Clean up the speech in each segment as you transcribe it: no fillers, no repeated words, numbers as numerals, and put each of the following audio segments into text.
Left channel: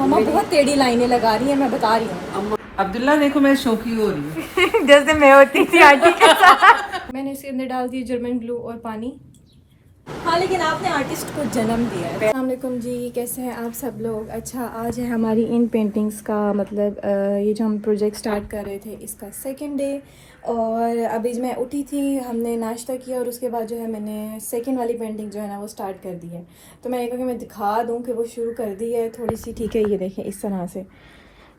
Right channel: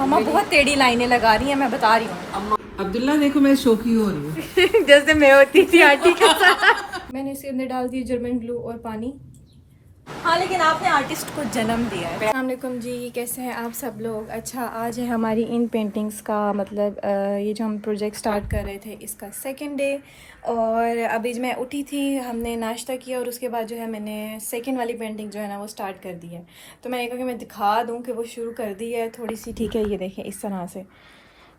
मम्मा बहुत टेढ़ी लाइनें लगा रही हैं, मैं बता रही हूँ। अब्दुल्ला देखो मैं शौकी हो रही हूँ जैसे मैं होती थी आंटी के साथ। मैंने इसके अंदर डाल दी जर्मन ग्लू और पानी। हाँ, लेकिन आपने आर्टिस्ट को जन्म दिया है। अस्सलाम वालेकुम जी, कैसे हैं आप सब लोग। अच्छा, आज है हमारी इन पेंटिंग्स का मतलब ये जो हम प्रोजेक्ट स्टार्ट कर रहे थे इसका सेकंड डे। और अभी मैं उठी थी, हमने नाश्ता किया और उसके बाद जो है मैंने सेकंड वाली पेंटिंग जो है ना वो स्टार्ट कर दी है। तो मैं एक कि मैं दिखा दूँ कि वो शुरू कर दी है थोड़ी सी, ठीक है। ये देखें इस तरह से,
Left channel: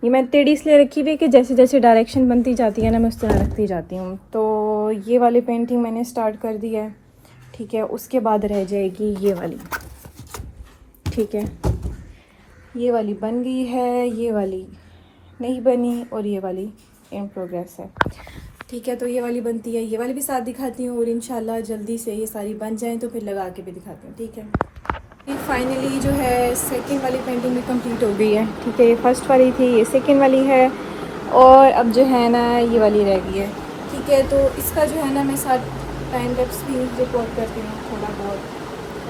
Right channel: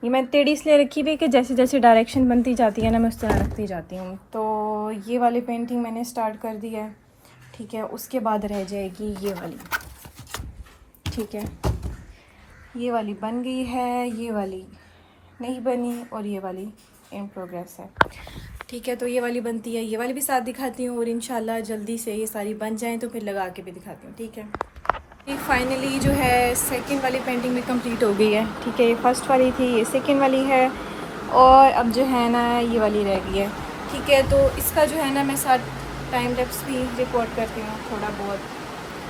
ये मैं टेढ़ी इसलिए रखी हुई है कि जैसे जैसे डायरेक्शन बनती जाती है ना मैं उस तरह रखती जाती हूँ। तो ये वाली पेंटिंग मैंने स्टार्ट कर दी है, ठीक है। उसके बाद रह जाएगी ये वाली, ठीक है। ये वाली बन गई है, ये वाली नहीं बनी और ये वाली इन प्रोग्रेस है, ठीक है। तो ये वाली बनती है, ये वाली भी साथ दिखाती हूँ और इंशाल्लाह जल्दी से ये सारी बन जाएं तो फिर लगा के भी दिखाती हूँ, ठीक है। ये फाइनली जो है सेकंड वाली पेंटिंग में कंप्लीट हो गई है, ठीक है। ये फर्स्ट वाली थी, ये सेकंड वाली है और अब जो है ना ये वाली रह गई है, ठीक है। तो इसका जो है ना मैं साथ टाइम लैप्स भी रिकॉर्ड करती हूँ थोड़ा बहुत,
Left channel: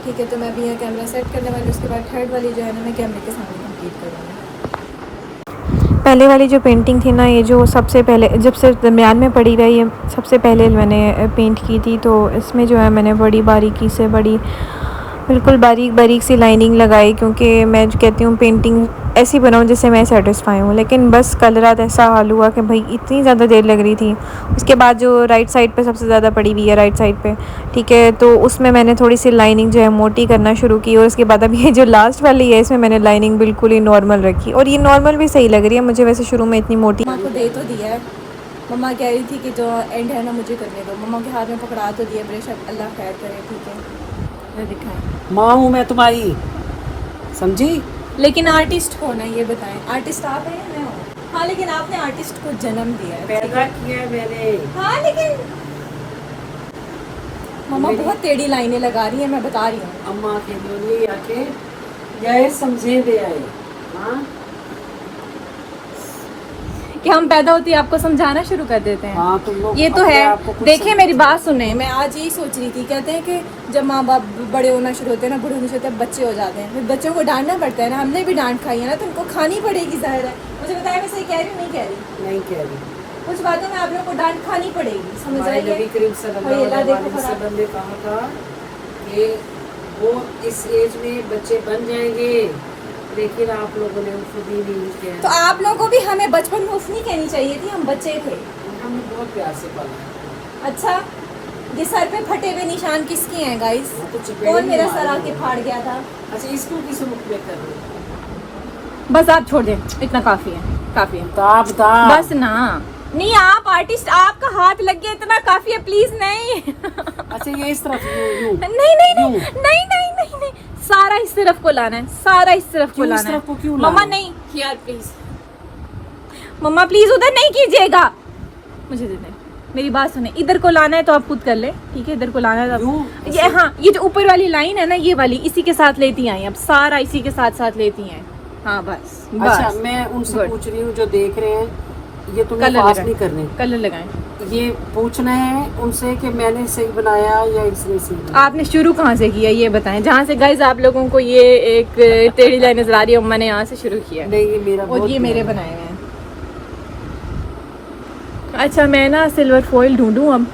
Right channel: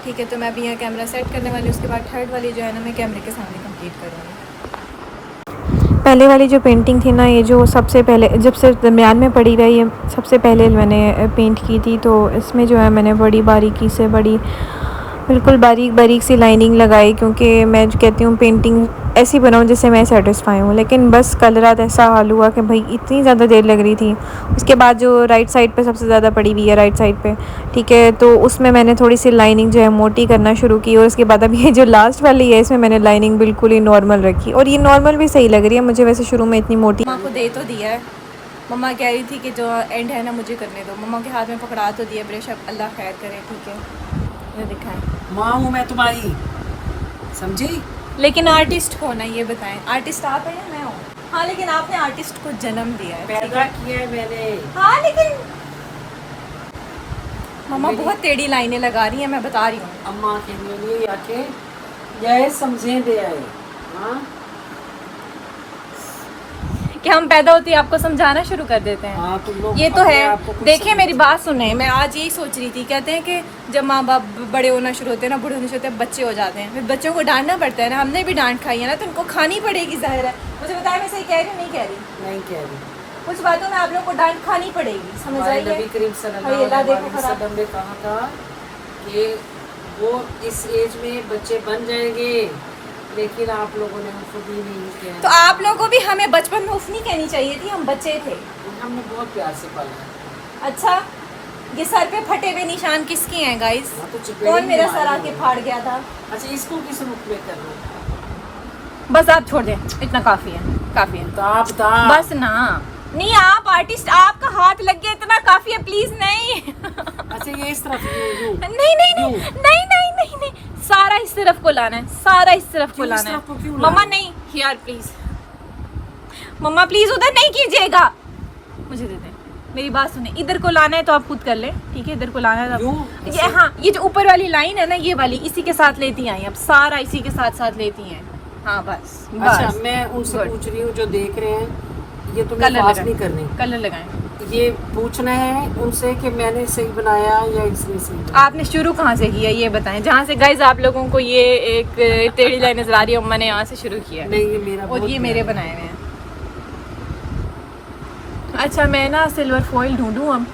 ठीक है। तो मैं अभी यहाँ कैमरा सेट करने वाली हूँ, उसके बाद थर्ड वाली जो है ना मैं कैमरे के सामने कंप्लीट करूँगी। पहले वाली जो पेंटिंग थी ना, ये जो सबसे पहले जब से दरमियान में पड़ी रही है, सबसे पहले मैंने पेंट की थी। तो इसमें जो है मैंने बड़ी बारीकी से बिल्कुल बारीक बारीक सी लाइनिंग लगाई, क्योंकि मैं जो कहती हूँ पेंटिंग ऐसी बनाऊँ जिससे मैं सेटिस्फाई हूँ। लेकिन बस कल रात ऐसा हाल हुआ कि भाई इतनी ज़्यादा देर लग रही थी। उसके बाद जो राइट साइड पे सबसे ज़्यादा पड़ी हुई है, राइट साइड पे, ठीक है। तो उसमें मैंने थोड़ी सी लाइनिंग जो है मोटी करना शुरू की और उसके बाद अब ये जो लास्ट वाली है इसमें मैंने लाइनिंग बिल्कुल ही नॉर्मल रखी और ये नॉर्मल भी सही लग रही है मुझे। वैसे शुरू में इतनी मोटी मम्मा को दे तो दिया है, मम्मा कह रही थी कि जो एंड है ना मुझे करने दो। मम्मा के हाथ में पकड़ा तो दिया ब्रश, अब अल्लाह खैर करे, ठीक है। ये दिखाएं, माँ हूँ मैं तुम्हारी, समझी। लेकिन आर्टिस्ट कौन है ये बताएं। आर्टिस्ट आप हैं, मैं हूँ। हाँ, लेकिन आपने आर्टिस्ट को जन्म दिया है, पैदा किया मैंने। हाँ, लेकिन मम्मा बहुत टेढ़ी लाइनें लगा रही हैं, मैं बता रही हूँ। अम्मा के लिए आके यह समझे दे आए। हाँ कि हम पैदा होते ही आपको समझाना शुरू कर देते हैं। हाँ, तुम लोग ये तो अपने है। आप को कुछ देखिए मेरी समझते बात सुने, मैं आज यही सोच रही थी, कहते हैं कि जब माँ बाप बड़े होना शुरू होते हैं ना, बूढ़े होने शुरू होते हैं, बच्चे हो जाते हैं, फिर बच्चों को डांटना पड़ता है ना। हमने भी डांट खाई है ना, तो उनको खानी पड़ेगी, जाहिर है। मुझे बताया मैं सही कह रही हूँ नहीं कह रही? नहीं कह रही। कुछ बातों में आप लोगों को डांट खानी पड़ेगी, समझ हमारे आइए। नबी करीम सल्लल्लाहु अलैहि वसल्लम ने कहा था कि वो इस एज में बच्चे बन जाएंगे, लेकिन आप लोगों ने कभी नहीं किया। तो आप लोगों को भी हमें बचपन में उफ नहीं कहनी चाहिए थी, हम बच्चे थे। हमने बहुत प्यार से पाला। अच्छा, ये सर पे फटे हुए निशान किसके हैं गाइस? वो तो चुपेरे कौन ही मेरा हमारे सर आके फाड़ गया था? अच्छा, इसको किस रूप में कर रहे? बस आप छोड़ दें, इतना काफी है, काफी है। बता बस ना, नहीं आप आर्टिस्ट, आपका हाथ लग गया, इतना काफी है, प्लीज नहीं। अच्छा, ये इस तरफ यूं नहीं नहीं नहीं नहीं नहीं नहीं नहीं, सारा इस तरफ को लाना है, सारा इस तरफ को लाना है। मम्मा नहीं, यार प्लीज, मम्मा प्लीज उधर नहीं कीजिएगा, मुझे दे दें। मेरी बात सुने, इधर को लाना है तो आप खुद कर ले, ठीक है। इधर को लाना है तो ये, हाँ, ये जो ऊपर वाली लाइन है ना, ये वाली इसी के साथ लेती आई, अब सारा इसी के साथ साथ लेती हैं। हाँ बस अच्छा, बस। मैं उनसे पूछ रही हूँ जो देख रहे हैं, ये तुम्हें कलर पास लगाएं, नहीं करनी, कलर लगाएं। ये पूछना है उनसे कि मैंने सही बनाया या इसने सही बनाया। आपने शुरू कहाँ से किया ये बताएं, जहाँ से गाइस आप लोगों को ये एक टेढ़ी लाइन नजर आ रही है, मैंने यहाँ से शुरू किया। नहीं, ये मेरा और ये मेरे बनाए हुए हैं। अच्छा, मैं ना सिल्वर फॉइल ढूंढूं अब,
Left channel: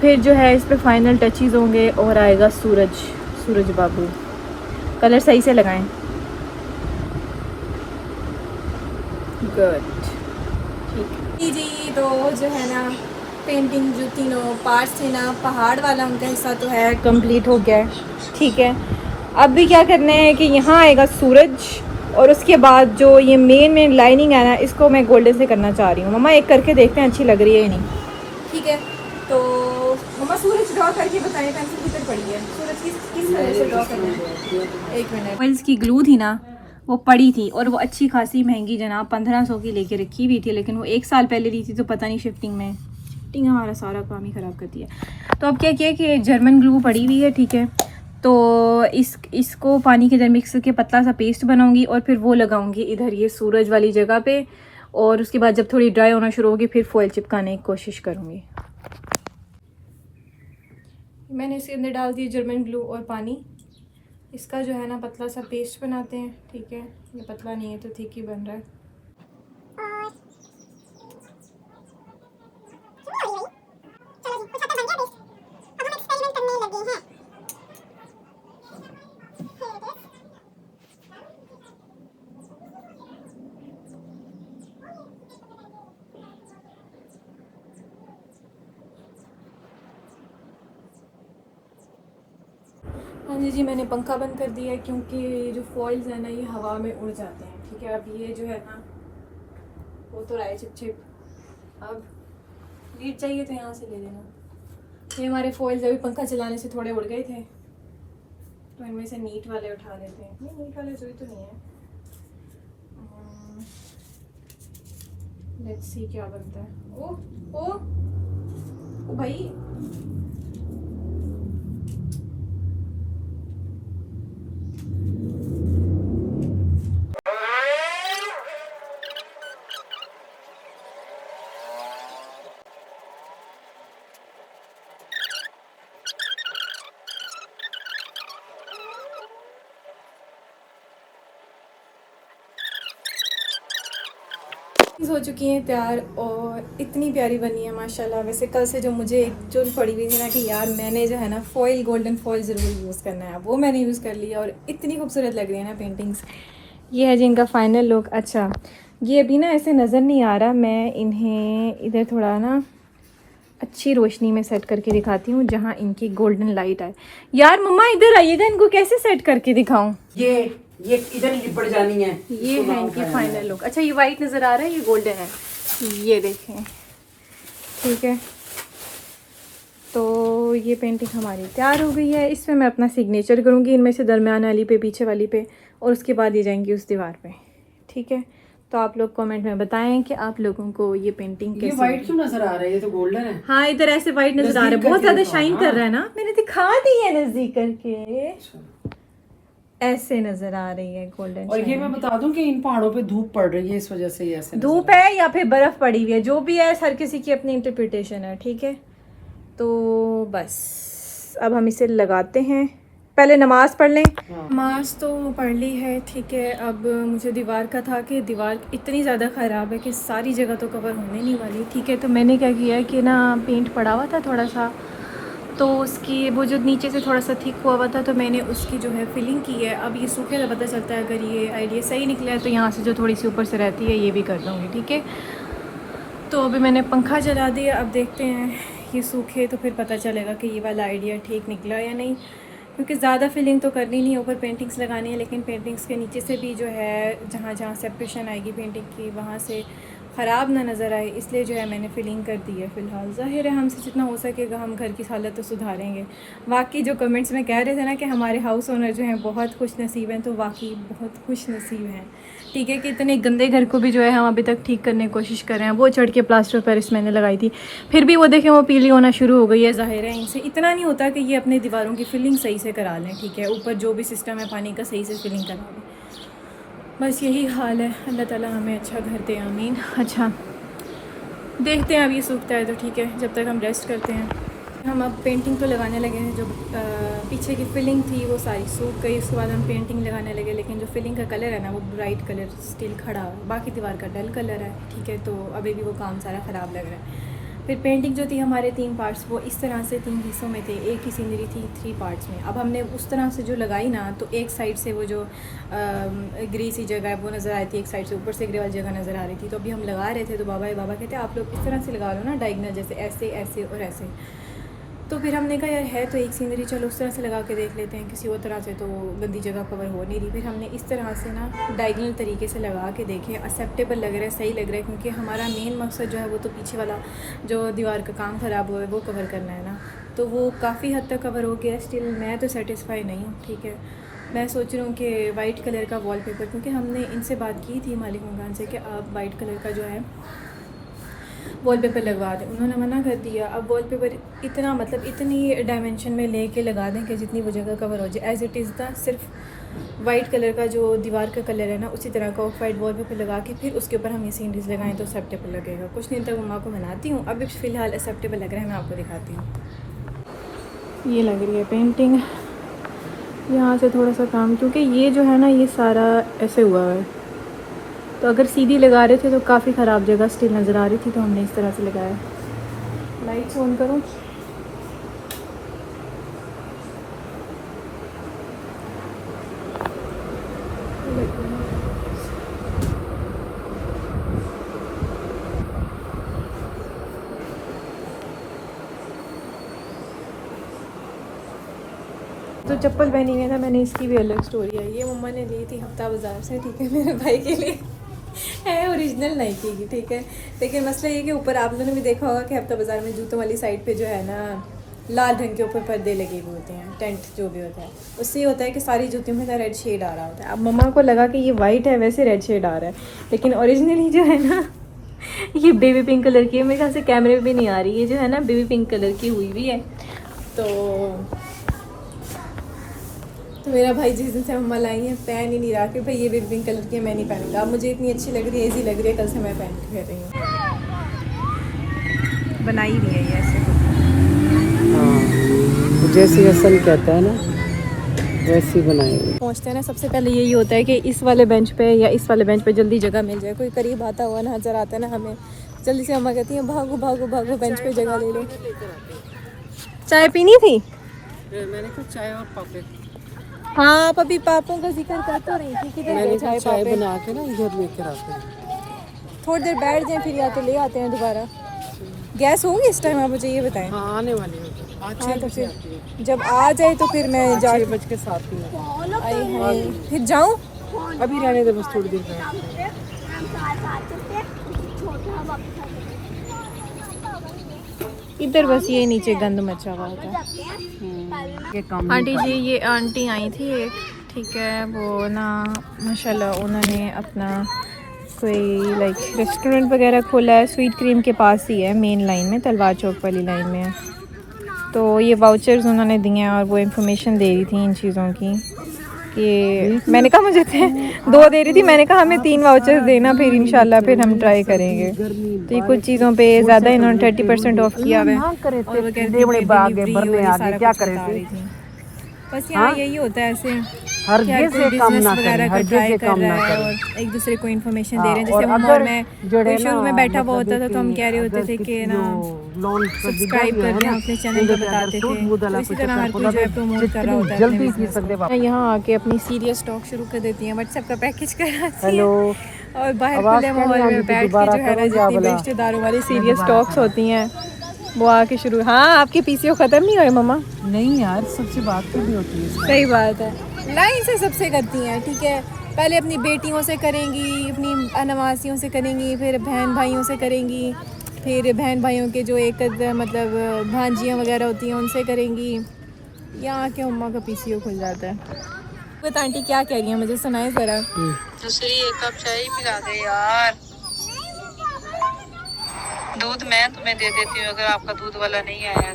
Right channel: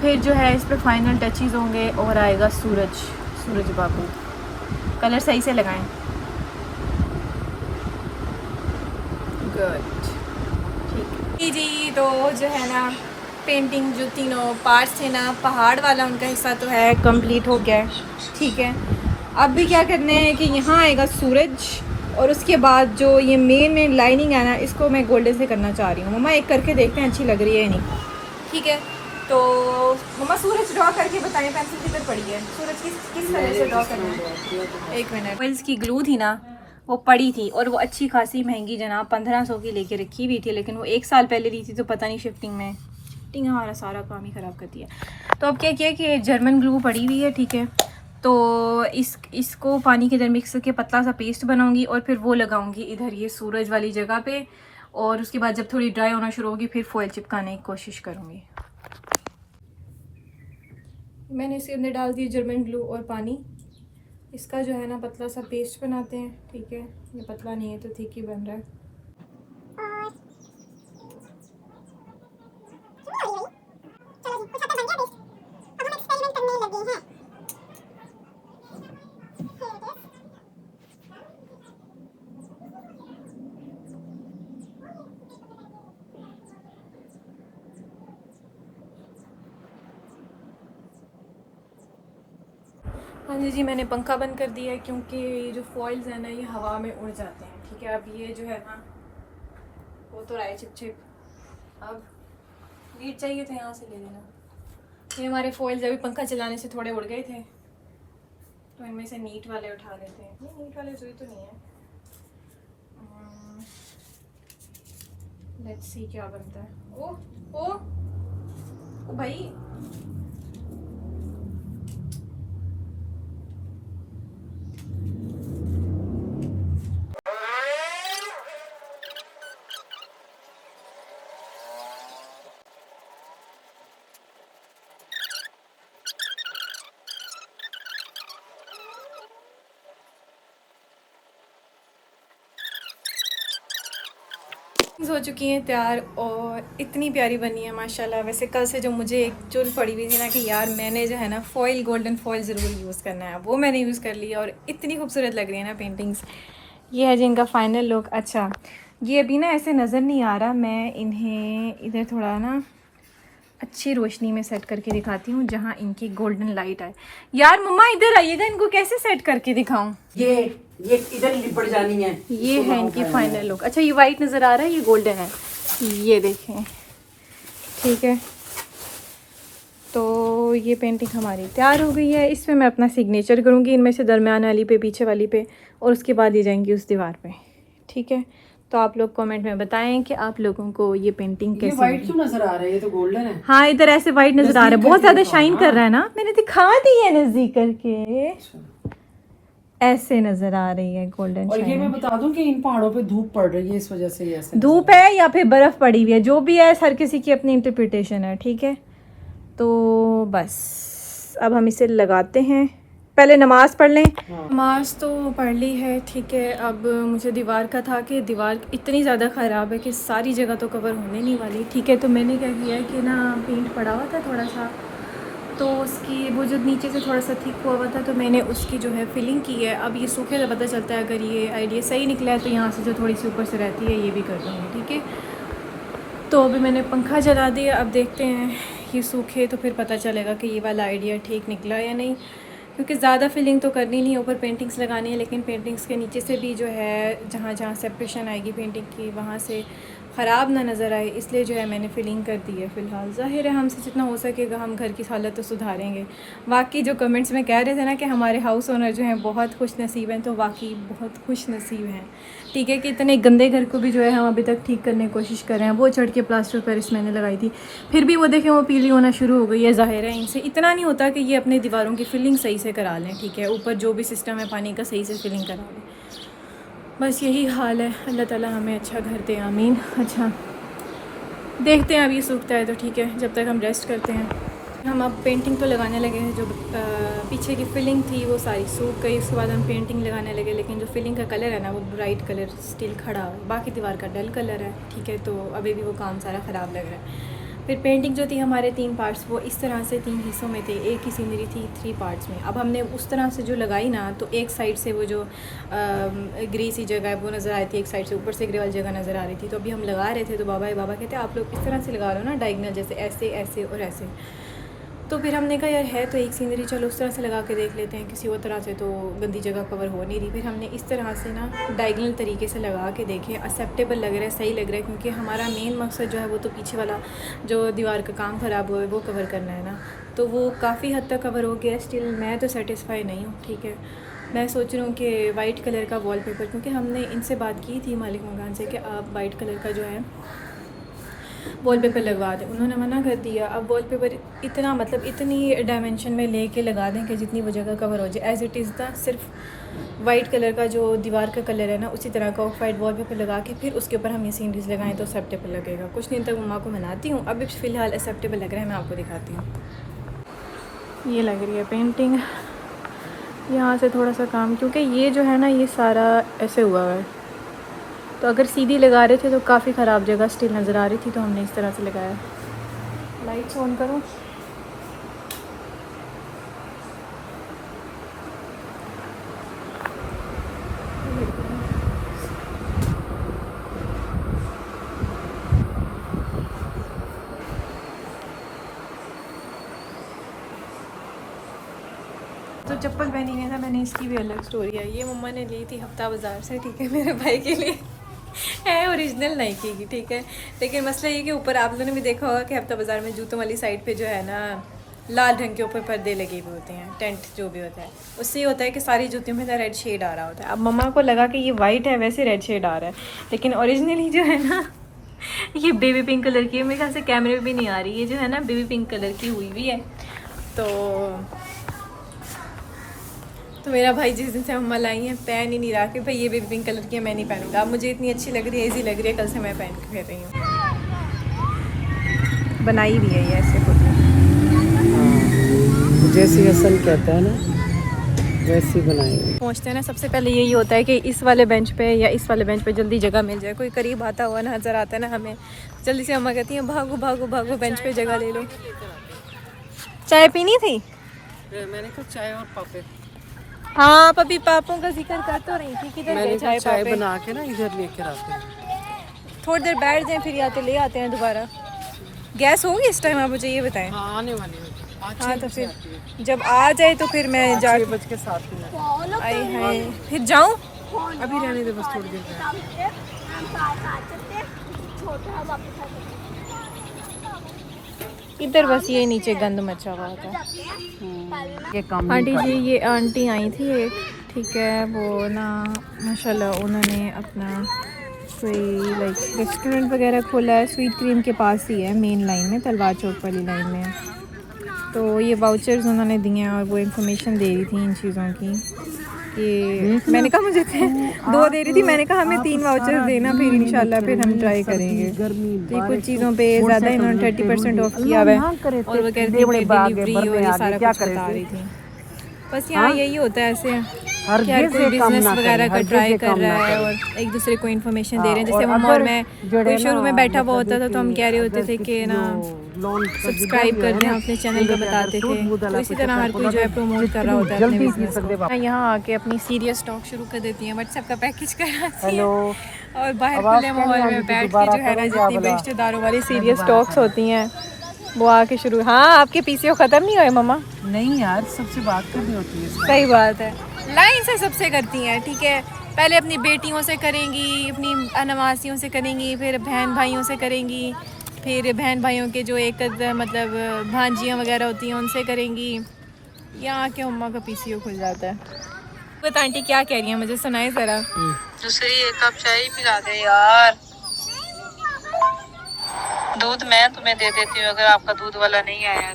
फिर जो है इस पे फाइनल टचेस होंगे और आएगा सूरज बाबू। कलर सही से लगाएं, गुड, ठीक जी। तो जो है ना पेंटिंग जो तीनों पार्ट्स थे ना, पहाड़ वाला उनका हिस्सा तो है कंप्लीट हो गया है, ठीक है। अब भी क्या करना है कि यहाँ आएगा सूरज और उसके बाद जो ये मेन लाइनिंग है ना, इसको मैं गोल्डन से करना चाह रही हूँ। मम्मा एक करके देखते हैं अच्छी लग रही है या नहीं, ठीक है। तो मम्मा सूरज ड्रॉ करके बताइए, पेंसिल किधर पड़ी है, सूरज किस तरह से ड्रॉ करना है। एक मिनट, पेंसिल की ग्लू थी ना वो पड़ी थी और वो अच्छी खासी महंगी जनाब 1500 की लेके रखी हुई थी, लेकिन वो 1 साल पहले ली थी, तो पता नहीं शिफ्टिंग हमारा सारा काम ही ख़राब करती है। तो अब क्या किया कि जर्मन ग्लू पड़ी हुई है, ठीक है। तो इसको पानी के अंदर मिक्स करके पतला सा पेस्ट बनाऊंगी और फिर वो लगाऊंगी इधर ये सूरज वाली जगह पे, और उसके बाद जब थोड़ी ड्राई होना शुरू होगी फिर फॉइल चिपकाने की कोशिश करूँगी। मैंने इसके अंदर डाल दी जर्मन ग्लू और पानी, इसका जो है ना पतला सा पेस्ट बनाते हैं, ठीक है। ये पतला नहीं है तो ठीक ही बन रहा है। हाँ जी, मैंने पंखा बंद कर दिया है क्योंकि जो फॉइल्स है ना ये हवा में उड़ जाते हैं, ठीक है। अब ये जो है ना वो तो रहा है चिप चिप, अब नीट चाहिए तो यहाँ से ले लेना। ये हमारे फॉइल्स अभी पंखा चलाने से थोड़े उड़ गए थे तो इनमें से नीट वाले उठा लेते हैं। नहीं, नीट वाले जोई तो नहीं है। लेट्स सी क्या बनता है। ओ भाई, हो चुकी हैं तैयार और इतनी प्यारी बनी है माशाल्लाह। वैसे कल से जो मुझे एक चुल पड़ी हुई थी ना कि यार मैंने जो है ना फॉइल, गोल्डन फॉइल ज़रूर यूज़ करना है, वो मैंने यूज़ कर लिया और इतनी खूबसूरत लग रही है ना पेंटिंग्स। ये है जिनका फाइनल लुक। अच्छा, ये अभी ना ऐसे नज़र नहीं आ रहा, मैं इन्हें इधर थोड़ा ना अच्छी रोशनी में सेट करके दिखाती हूँ जहाँ इनकी गोल्डन लाइट आए। यार मम्मा इधर आइएगा, इनको कैसे सेट करके दिखाऊं? ये इधर लिपट जानी है। ये है इनकी फाइनल लुक। अच्छा, ये वाइट नज़र आ रहा है, ये गोल्डन है, ये देखें, ठीक है। तो ये पेंटिंग हमारी तैयार हो गई है। इसमें मैं अपना सिग्नेचर करूँगी इनमें से दरमियान वाली पे, पीछे वाली पे, और उसके बाद ये जाएंगी उस दीवार पे, ठीक है। तो आप लोग कमेंट में बताएं कि आप लोगों को ये पेंटिंग कैसी लगी। वाइट क्यों नजर आ रहा है? ये तो गोल्डन है। हाँ, इधर ऐसे वाइट नजर आ रहा है, बहुत ज्यादा शाइन कर रहा है ना। मैंने दिखा दी है नजदीक करके, ऐसे नजर आ रही है गोल्डन। और ये मैं बता दूं कि इन पहाड़ों पे धूप पड़ रही है, इस वजह से ऐसे धूप है या फिर बर्फ पड़ी हुई है, जो भी है हर किसी की अपनी इंटरप्रिटेशन है, ठीक है। तो बस अब हम इसे लगाते हैं। पहले नमाज पढ़ लें। नमाज तो पढ़ ली है, ठीक है। अब मुझे दीवार का था कि दीवार इतनी ज़्यादा ख़राब है कि सारी जगह तो कवर होने नहीं वाली, ठीक है। तो मैंने क्या किया है कि ना पेंट पड़ा हुआ था थोड़ा सा, तो उसकी वो जो नीचे से थोड़ा सा थिक हुआ था तो मैंने उसकी जो है फिलिंग की है। अब ये सूखे तो पता चलता है, अगर ये आइडिया सही निकला है तो यहाँ से जो थोड़ी सी ऊपर से रहती है ये भी कर दूँगी, ठीक है। तो अभी मैंने पंखा चला दिया, अब देखते हैं ये सूखे तो फिर पता चलेगा कि ये वाला आइडिया ठीक निकला या नहीं, क्योंकि ज़्यादा फिलिंग तो करनी नहीं है, ऊपर पेंटिंग्स लगानी है, लेकिन पेंटिंग्स के नीचे से भी जो है जहाँ जहाँ सेपरेशन आएगी पेंटिंग की वहाँ से ख़राब ना नज़र आए, इसलिए जो है मैंने फिलिंग कर दी है फ़िलहाल। ज़ाहिर है हमसे जितना हो सकेगा हम घर की हालत तो सुधारेंगे। वाकई जो कमेंट्स में कह रहे थे ना कि हमारे हाउस ओनर जो हैं बहुत खुश नसीब हैं, तो वाकई बहुत खुश नसीब हैं, ठीक है। कि इतने गंदे घर को भी जो है हम अभी तक ठीक करने की कोशिश कर रहे हैं। वो चढ़ के प्लास्टर पेरिस मैंने लगाई थी, फिर भी वो देखें वो पीली होना शुरू हो गई है। ज़ाहिर है इनसे इतना नहीं होता कि ये अपनी दीवारों की फिलिंग सही से करा लें, ठीक है। ऊपर जो भी सिस्टम है पानी का सही से फिलिंग करा लें, बस यही हाल है। अल्लाह ताला हमें अच्छा घर दे, आमीन। अच्छा, देखते हैं अब ये सूखता है तो ठीक है, जब तक हम रेस्ट करते हैं। हम अब पेंटिंग तो लगाने लगे हैं। जो पीछे की फिलिंग थी वो सारी सूख गई, उसके बाद हम पेंटिंग लगाने लगे, लेकिन जो फिलिंग का कलर है ना वो ब्राइट कलर स्टिल खड़ा है, बाकी दीवार का डल कलर है, ठीक है। तो अभी भी वो काम सारा ख़राब लग रहा है। फिर पेंटिंग जो थी हमारे 3 पार्ट्स, वो इस तरह से 3 हिस्सों में थे, एक ही सीनरी थी 3 पार्ट्स में। अब हमने उस तरह से जो लगाई ना, तो एक साइड से वो जो ग्रे सी जगह है वो नज़र आ रही थी, एक साइड से ऊपर से ग्रे वाली जगह नज़र आ रही थी। तो अभी हम लगा रहे थे तो बाबा कहते आप लोग इस तरह से लगा रहे हो ना डायगनल, जैसे ऐसे ऐसे और ऐसे। तो फिर हमने कहा यार है तो एक सीनरी, चलो उस तरह से लगा के देख लेते हैं, किसी और तरह से तो गंदी जगह कवर हो नहीं रही। फिर हमने इस तरह से ना डायगनल तरीके से लगा के देखे, एक्सेप्टेबल लग रहा है, सही लग रहा है, क्योंकि हमारा मेन मकसद जो है वो तो पीछे वाला जो दीवार का काम ख़राब हुआ है वो कवर करना है ना। तो वो काफ़ी हद तक कवर हो गया, स्टिल मैं तो सेटिस्फाई नहीं हूँ, ठीक है। मैं सोच रही हूँ कि वाइट कलर का वॉलपेपर, क्योंकि हमने इनसे बात की थी मालिक मकान से कि आप वाइट कलर का जो है वॉलपेपर लगवा दें, उन्होंने मना कर दिया। अब वॉलपेपर इतना मतलब इतनी डायमेंशन में लेके लगा दें कि जितनी वो जगह कवर हो जाए, एज़ इट इज़ था सिर्फ वाइट कलर का जो दीवार का कलर है ना उसी तरह का ऑफ वाइट वॉलपेपर लगा के फिर उसके ऊपर हम ये सीनरीज लगाएं तो एक्सेप्टेबल लगेगा। कुछ दिन तक मम्मा को मनाती हूँ, अभी फ़िलहाल एक्सेप्टेबल लग रहा है, मैं आपको दिखाती हूँ। ये लग रही है पेंटिंग, यहाँ से थोड़ा सा काम, क्योंकि ये जो है ना ये सारा ऐसे हुआ है, तो अगर सीधी लगा रहे थे तो काफ़ी ख़राब जगह स्टिल नज़र आ रही थी, तो हमने इस तरह से लगाया। लाइट्स ऑन करूँ? तो चप्पल पहनी हुई है ना मैंने, इसकी भी अलग स्टोरी है। ये मम्मा ने ली थी हफ्ता बाज़ार से, ठीक है, मेरे भाई के लिए है, ओरिजिनल नाइकी की, ठीक है। लेकिन मसला ये कि ऊपर आप लोगों ने भी देखा होगा कि हफ्ता बाज़ार में जूतों वाली साइड पे जो है ना लाल रंग के ऊपर पर्दे लगे हुए होते हैं, टेंट जो भी होता है, उससे ये होता है कि सारी जूतियों में रेड शेड आ रहा होता है। अब मम्मा को लगा कि ये वाइट है, वैसे रेड शेड आ रहा है, लेकिन ओरिजिनली जो है ना ये बेबी पिंक कलर की है। मेरे ख्याल से कैमरे में भी नहीं आ रही, ये जो है ना बेबी पिंक कलर की हुई भी है। तो मेरा भाई जिस दिन से मम्मा लाई है पहन ही नहीं रहा कि भाई ये बेबी पिंक कलर की है, मैं नहीं पहनूंगा। अब मुझे इतनी अच्छी लग रही है, ईजी लग रही है, कल से मैं पहन के फिर रही हूँ। बनाई भी है ये ऐसे खुद, जैसी असल कहता है ना वैसी बनाई हुई। पहुँचते हैं ना, सबसे पहले यही होता है कि इस वाले बेंच पे या इस वाले बेंच पे जल्दी जगह मिल जाए। कोई करीब आता हुआ नजर आता है ना हमें, जल्दी से मम्मा कहती है भागो भागो भागो बेंच पे जगह ले लो। चाय पीनी थी? मैंने कुछ चाय और पापड़, हाँ पपी पापों का जिक्र कर तो रही थी, किधर गए चाय चाय पापे? बना के ना इधर लेकर आते हैं। थोड़ी देर बैठ जाएं फिर या तो ले आते हैं दोबारा। गैस होगी इस टाइम, आप मुझे ये बताएं। हाँ आने वाली है। हाँ तो फिर जब आ जाए तो फिर मैं जा 6:07 आई हाय फिर जाऊँ। अभी रहने दे, बस थोड़ी देर में। इधर बस ये नीचे गंद मचा हुआ था। ये काम आंटी जी, ये आंटी आई थी एक, ठीक है, वो ना माशाल्लाह उन्होंने अपना कोई लाइक रेस्टोरेंट वगैरह खोला है, स्वीट क्रीम के पास ही है, मेन लाइन में, तलवार चौक वाली लाइन में है। तो ये वाउचर्स उन्होंने दिए हैं और वो इंफॉर्मेशन दे रही थी इन चीज़ों की कि मैंने कहा मुझे थे 2 दे रही थी, मैंने कहा हमें 3 वाउचर्स देना, फिर इंशाल्लाह फिर हम ट्राई करेंगे। तो ये कुछ चीज़ों पे ज़्यादा इन्होंने 30% ऑफ किया हुआ है, और वो कहती है डिलीवरी और ये सारा कुछ बता रही थी। बस यहाँ यही होता है ऐसे, हर कोई बिजनेस वगैरह का ट्राई कर रहा है और एक दूसरे को इन्फॉर्मेशन दे रहे हैं। जैसे मम्मा और मैं कोई शुरू में बैठा हुआ होता था तो हम कह रहे होते थे कि ना सब्सक्राइब कर दें, अपने चैनल को बताते थे। तो इसी तरह हर कोई जो है प्रमोट कर रहा होता है अपने बिजनेस को। यहाँ आके अपनी सीरियस टॉक शुरू कर देती हैं, व्हाट्सएप का पैकेज कराती है और बाहर खुले माहौल में बैठ के जो है ना जितनी भी रिश्तेदारों वाली सीरियस टॉक्स होती हैं वो आके शुरू। हाँ आपके पीसीओ ख़त्म नहीं हुए मम्मा? नहीं यार, सबसे बात करनी होती है। सही बात है, लाइन से सबसे करती हैं, ठीक है। पहले अपनी बेटियों से करेंगी, अपनी अनवासियों से करेंगी, फिर बहन भाइयों से करेंगी, फिर बहन भाइयों के जो एक मतलब भांजियाँ वगैरह होती हैं उनसे करेंगी। यहाँ के मम्मा का पीसीओ खुल जाता है। बता आंटी क्या कह रही है, मुझे सुनाए ज़रा। दूसरी एक कप चाय पिला दे यार, दूध मैं तुम्हें दे देती हूँ अगर आपका दूध वाला नहीं आया।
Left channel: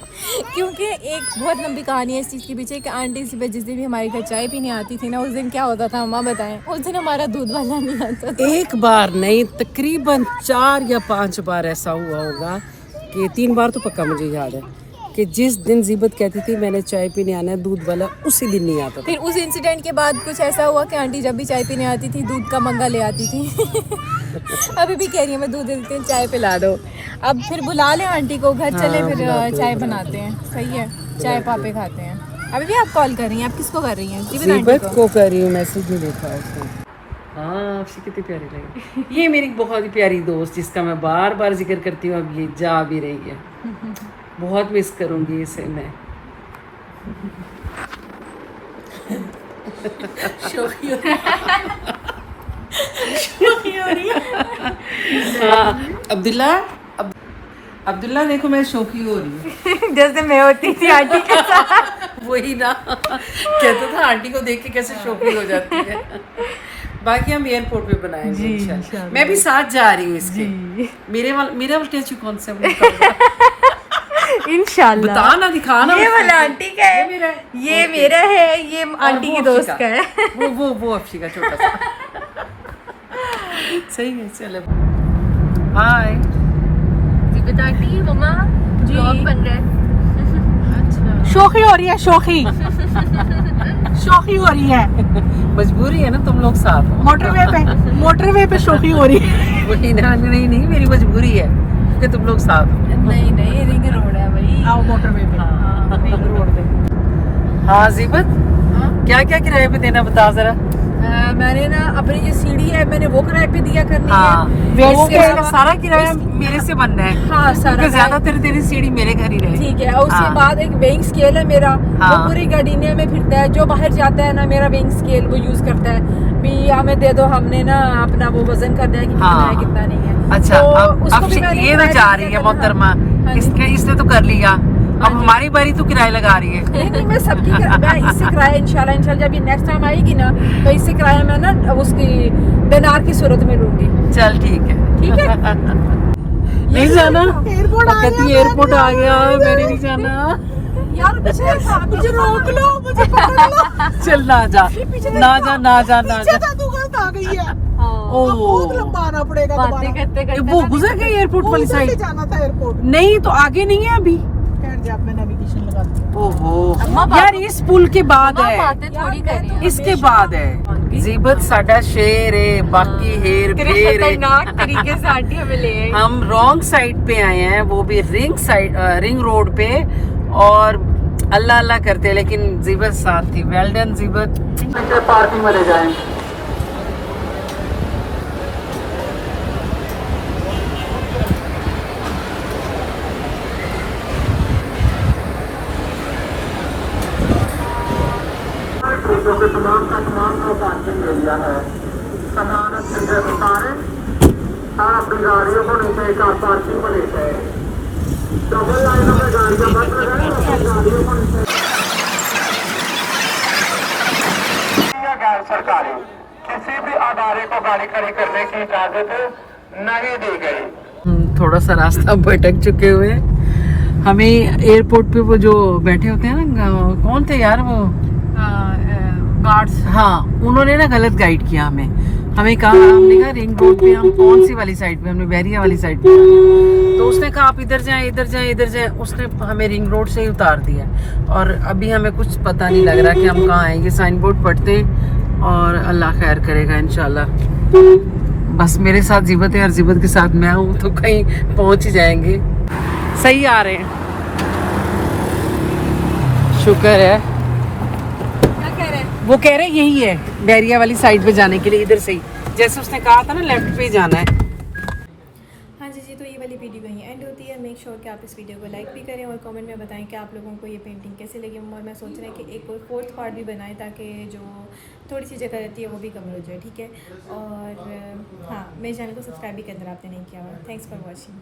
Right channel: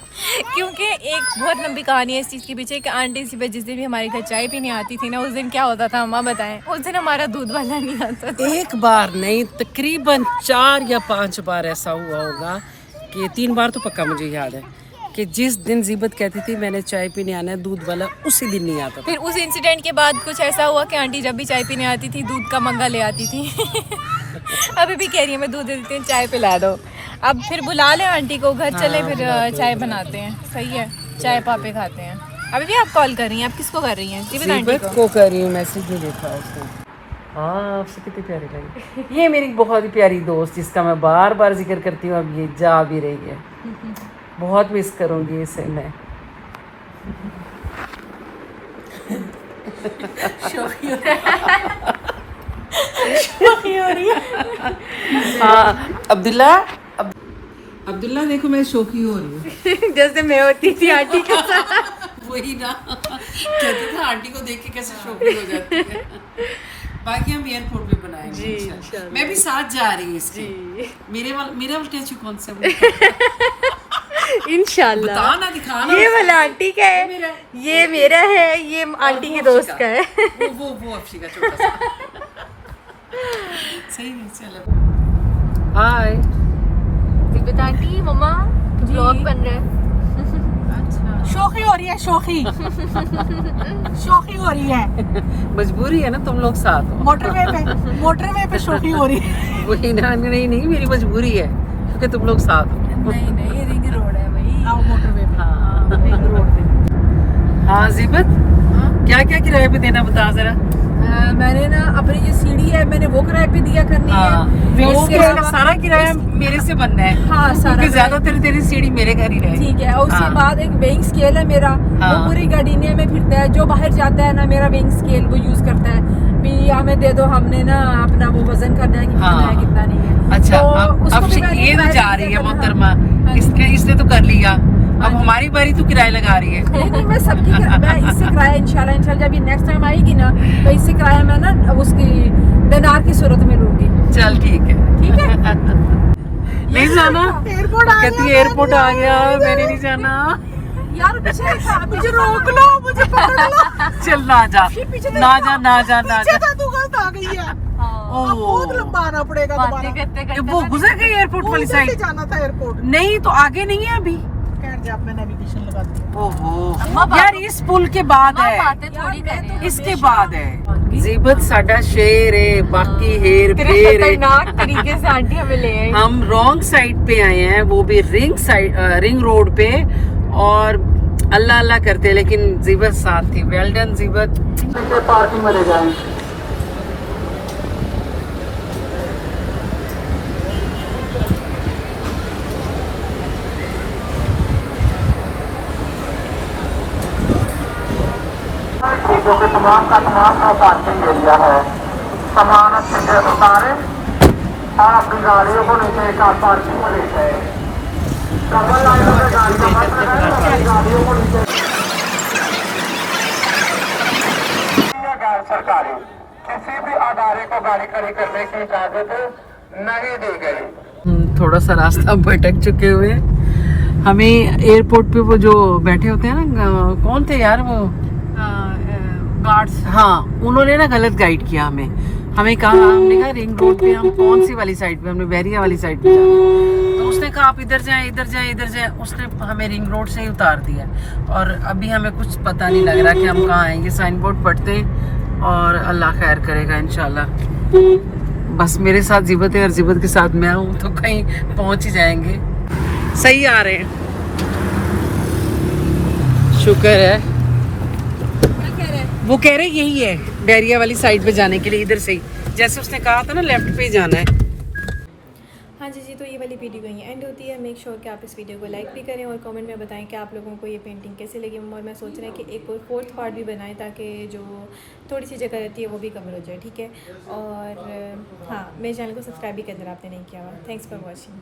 क्योंकि एक बहुत लंबी कहानी है इस चीज़ के पीछे कि आंटी सी पे जिस दिन भी हमारे घर चाय पीने आती थी ना, उस दिन क्या होता था अम्मा बताएं? उस दिन हमारा दूध वाला नहीं आता था। एक बार नहीं, तकरीबन 4 या 5 बार ऐसा हुआ होगा कि 3 बार तो पक्का मुझे याद है कि जिस दिन जीबत कहती थी मैंने चाय पीने आना है, दूध वाला उसी दिन नहीं आता था। फिर उस इंसिडेंट के बाद कुछ ऐसा हुआ कि आंटी जब भी चाय पीने आती थी दूध का मंगा ले आती थी। अभी भी कह रही है मैं दूध दे देती हूँ, चाय पिला दो। अब फिर बुला ले आंटी को, घर चले फिर चाय बनाते हैं। सही है, चाय पापे खाते हैं। अभी भी आप कॉल कर रही हैं? आप किसको कर रही हैं? जीबत को कर रही हूँ, मैसेज नहीं देखा उसने। हाँ आपसे कितनी प्यारी लगी। ये मेरी बहुत ही प्यारी दोस्त जिसका मैं बार बार जिक्र करती हूँ, अब ये जा भी रही है। बहुत मिस करूँगी इसे मैं। अब्दुल्ला देखो मैं शौकी हो रही हूँ। जैसे मैं होती थी आंटी के साथ। वही ना, कहता था आंटी को देख के कैसे शौकी हो जाती है। बाकी हम एयरपोर्ट पे बनाएंगे इंशाल्लाह। मैं भी साथ जा रही हूँ इसके। मेरा वाला कौन सा इंशाल्लाह बता ना, दिखाना। ये वाला आंटी का है, ये मेरा है, ये आंटी की दोस्त का है। वो अफशी का छोटा सा। सही है, चलो हाय। जी बता आंटी, मम्मा व्लॉग बन रहा है। अच्छा शोखी हो रही है, शोखी शोखी हो रही है। मजबूरी है ना, तुम लोग साथ हो। मोटरवे पे शोखी हो रही है। वही ना, नहीं मेरी मजबूरी है क्योंकि तुम लोग साथ हो। नहीं रिंग रोड है भाई। आओ मोटरवे पे, रिंग रोड पे। हाँ जीबत, क्या क्या किराए पे देना बता जरा। मैंने ना अपनी जो सीढ़ी है मैंने वो किराए पे दिया करनी हाँ, है। वो इसके मेरा अलावा- सारा किराया मेरे से बनना है। हाँ, सारा क्योंकि किराया- ज्यादातर तेरी सीढ़ी मेरे घर ही रहे। ठीक है। और उसके हाँ। बाद एक वेइंग स्केल है मेरा, हाँ। वो पूरी गार्डिनिया में फिरता है। जो बाहर जाता है ना, मेरा वेइंग स्केल वो यूज करता है भी, हमें दे दो, हमने ना अपना वो वजन करना है कि कितना हाँ। है कितना नहीं है। अच्छा, तो अब उसको भी मैंने ये ना किराए जा पे रही दिया है करना। मोहतरमा, हाँ जी। इसने तो कर लिया, अब जी। हमारी बारी तू किराया लगा रही है। नहीं मैं सबकी मैं इससे किराया इंशाल्लाह जब ये नेक्स्ट टाइम आएगी ना, तो इससे किराया मैं ना उसकी दिनार की सूरत में लूंगी। चल ठीक है। ठीक है। नहीं जाना, एयरपोर्ट आ कहती गया, एयरपोर्ट आ गया, मैंने नहीं जाना। यार मुझे रोक लो, मुझे पकड़ लो। चल ना जा, पीछे ना जा, ना जा, ना जा। तू गलत आ गई है। ओ, अब बहुत लंबा आना पड़ेगा दोबारा। वो गुजर गई एयरपोर्ट वाली उधर से साइड। जाना था एयरपोर्ट। नहीं तो आगे नहीं है अभी। खैर जा, मैं नेविगेशन लगाती हूँ। ओहो यार, इस पुल के बाद है, थोड़ी करनी इसके बाद है। जीबत साडा शेर है, बाकी हेर फेर है। खतरनाक तरीके से आंटी हमें ले आई। हम रॉन्ग साइड पे आए हैं, वो भी रिंग रोड पे, और अल्लाह अल्लाह करते हैं, लेकिन जीबत साथ थी। Well done जीबत। पार्किंग में ले जाएं। तमाम का पार्किंग एरिया है, सामान अच्छे से उतारे और अपनी गाड़ियों को नीचे का पार्किंग को लेते हैं। गैर सरकारी किसी भी अदारे को गाड़ी खड़ी करने की इजाजत नहीं दी गई। थोड़ा सा रास्ता भटक चुके हुए, हमें एयरपोर्ट पे वो जो बैठे होते हैं ना, कौन थे यार वो गार्ड्स, हाँ, उन्होंने ना गलत गाइड किया हमें कहा, हमने कहा रिंग रोड पे हम कौन सी वाली साइड पे, हमने बैरिया वाली साइड पे, तो उसने कहा आप इधर जाए इधर जाए इधर जाए, उसने हमें रिंग रोड से ही उतार दिया। और अभी हमें कुछ पता नहीं लग रहा कि हम कहाँ आएंगे। साइन बोर्ड पढ़ते और अल्लाह खैर करेगा इंशाल्लाह। बस मेरे साथ जीबत है और जीबत के साथ मैं हूँ, तो कहीं पहुंच ही जाएंगे। सही आ रहे हैं, शुक्र है। वो कह रहे यही है, बैरिया वाली साइड पे जाने के लिए, इधर से ही, जैसे उसने कहा था ना, लेफ्ट पे ही जाना है। हाँ जी, तो ये वाली वीडियो कहीं एंड होती है। मेक श्योर कि आप इस वीडियो को लाइक भी करें और कमेंट में बताएं कि आप लोगों को ये पेंटिंग कैसे लगी। और मैं सोच रही हूँ कि एक कोई 4th पार्ट भी बनाएं, ताकि जो थोड़ी सी जगह रहती है वो भी कवर हो जाए। ठीक है। और हाँ, मेरे चैनल को सब्सक्राइब भी करना आपने नहीं किया हुआ। Thanks for watching.